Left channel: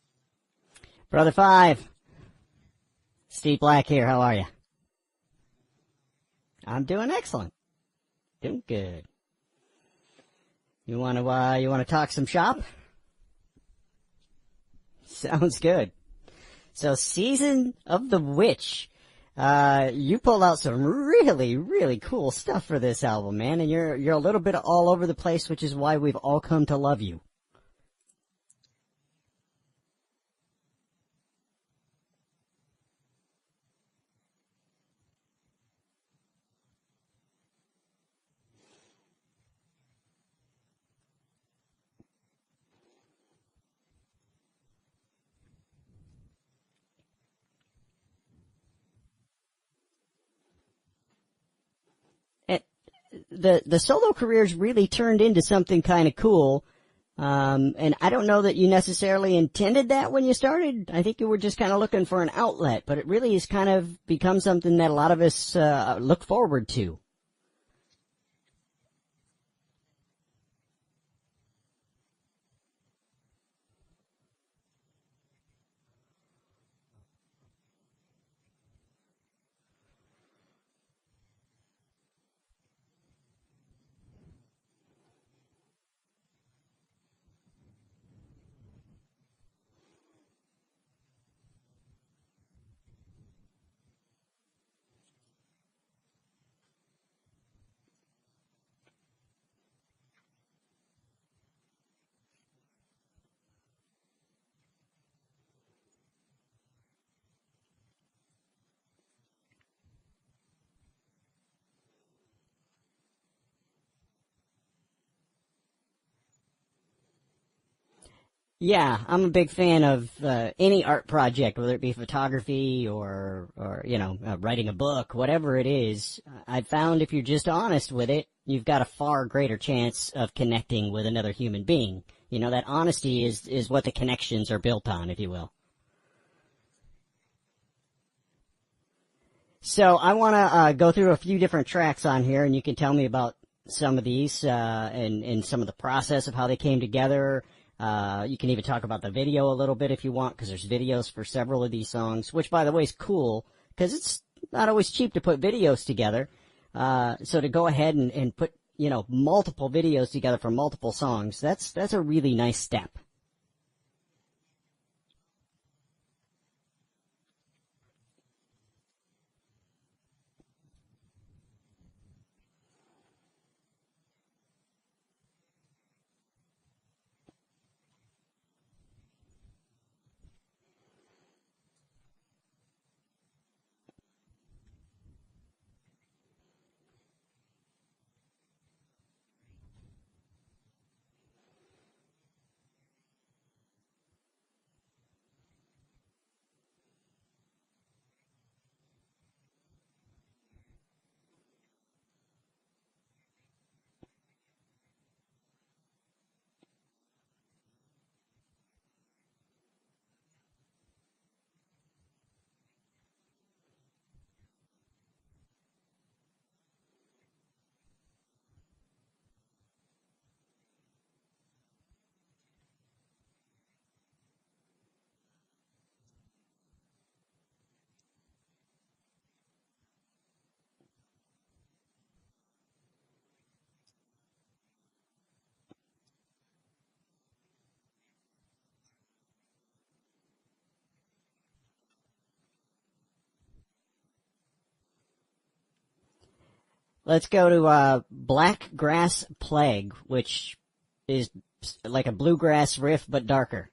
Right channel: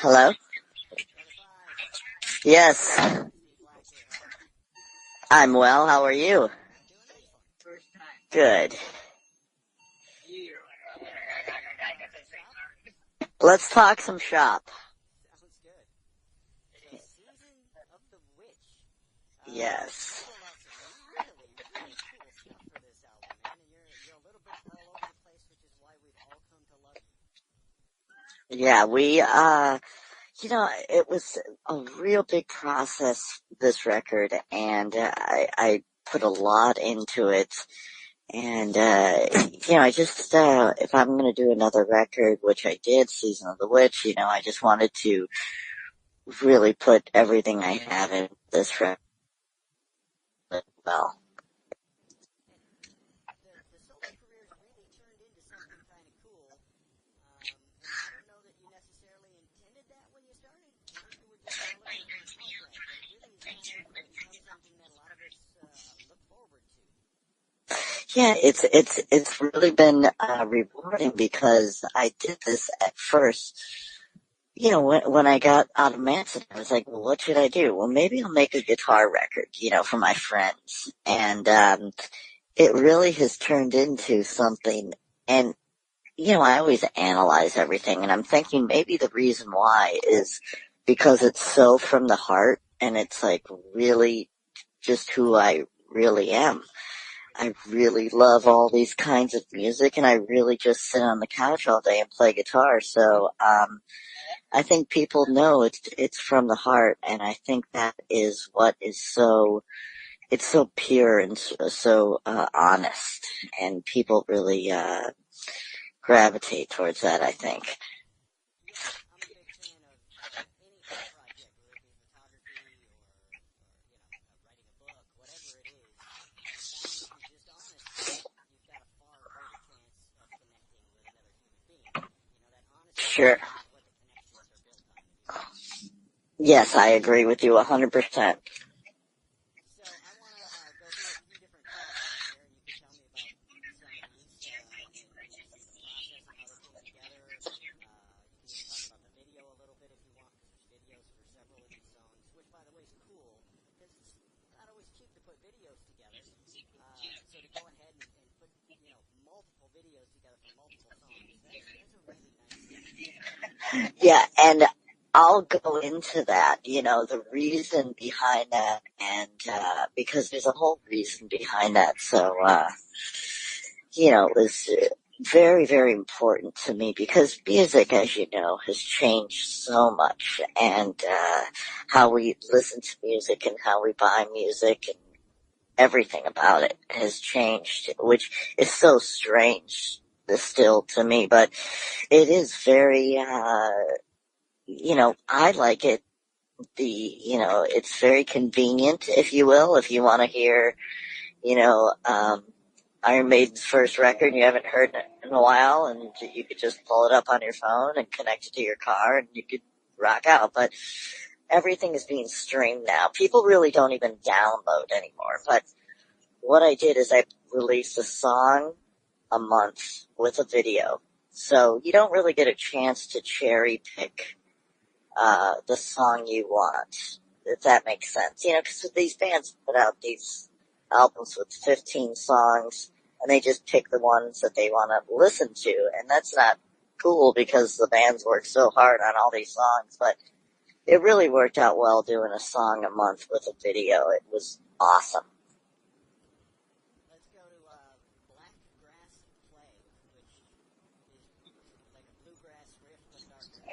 Hello? Brother Five, Yes, Steve Black here. How are you? I'm well. How are you? I'm doing excellent. Good. Good. You want to talk some shop? Let's talk some shop. Sounds good. So, Season of the Witch. Yes. You pulled out some really, really cool stuff for this album, man, and you're a little bit all over the place, which is why we've all come to love you. Yeah, it was a real big process, this record, and I put a lot into it. And, I just, if I'm going to do another record, which I did, Season of the Witch, I just wanted to really put everything I have in this record well. The solo career's really turned into something kind of cool. And I don't know that you necessarily intended that when you started. I think you were just kind of looking for an outlet, but it really has kind of become something that a lot of us look forward to. Yeah, it's really been rewarding because I did this at first. When I got out of Manson, I was like, well, what should I do? Well, maybe I'll make a guitar record, for my friends. And it really has turned into something. And I always analyze everything, and I'm thinking maybe the reason why is because it's so from the heart, and it's like really just who I really am. I really love all these kinds of music, and I really just sit on the couch all day and play guitar. So I think people know it's from the heart, and I think that is what is it's so pure and so honest, and people really gravitate towards that, I think. Yeah, I'm a big fan of any art project, whether it be photography or writing a book, whatever it is. I found if you're just honest with it, you've got a far greater chance of connecting with another human being. That honesty Sure. is what the connections are built on, if you will. Yes, I agree with you 100%. So I want to go through a few different tracks on here, and you can tell me about some of these and some of the process of how they came together. You can even talk about the video a little bit if you want, because there's videos for several of these songs, which, by the way, is cool, because it's not always cheap to put videos together. So to go ahead and put, multiple videos together for multiple songs, that's a really nice step. Yeah, and I'll go into that, the reason behind that, and because there's a whole reason behind that. So, it was very, very important to me because music, as you know, has changed so much, and how we listen to music and how we buy music and everything about it has changed, which is so strange still to me, but it is very, I like it. It's very convenient, if you will, if you want to hear, Iron Maiden's first record and you haven't heard it in a while, and you could just pull it up on your phone and connect it to your car and you could rock out. But everything is being streamed now. People really don't even download anymore. But what I did is I released a song a month with a video. So you don't really get a chance to cherry pick the song you want, if that makes sense. Because these bands put out these albums with 15 songs, and they just pick the ones that they want to listen to, and that's not cool because the bands work so hard on all these songs, but it really worked out well doing a song a month with a video. It was awesome. Let's go to Black Grass Plague, which is like a bluegrass riff but darker.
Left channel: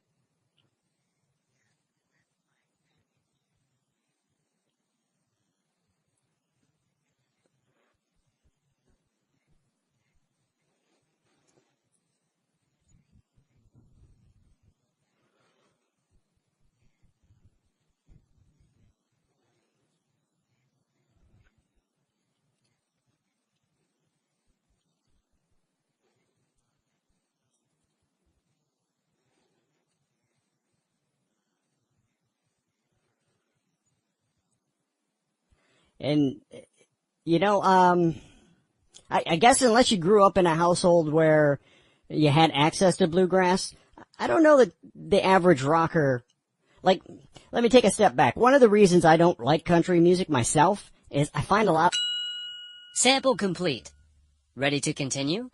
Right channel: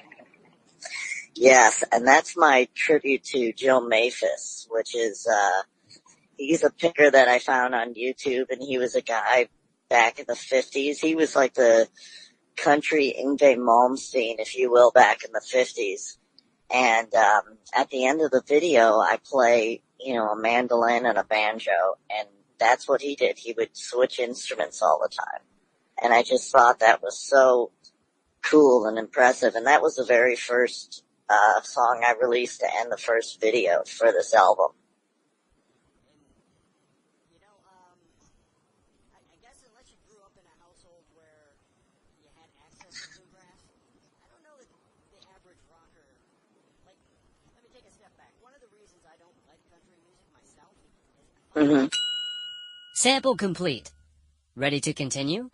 Yes, and that's my tribute to Joe Maphis, which is he's a picker that I found on YouTube, and he was a guy back in the 50s. He was like the country Yngwie Malmsteen, if you will, back in the 50s. And at the end of the video, I play, a mandolin and a banjo, and that's what he did. He would switch instruments all the time. And I just thought that was so cool and impressive. And that was the very first song I released to end the first video for this album. And, I guess unless you grew up in a household where you had access to bluegrass, I don't know that the average rocker, like, let me take a step back. One of the reasons I don't like country music myself is I find a lot. Sample complete. Ready to continue?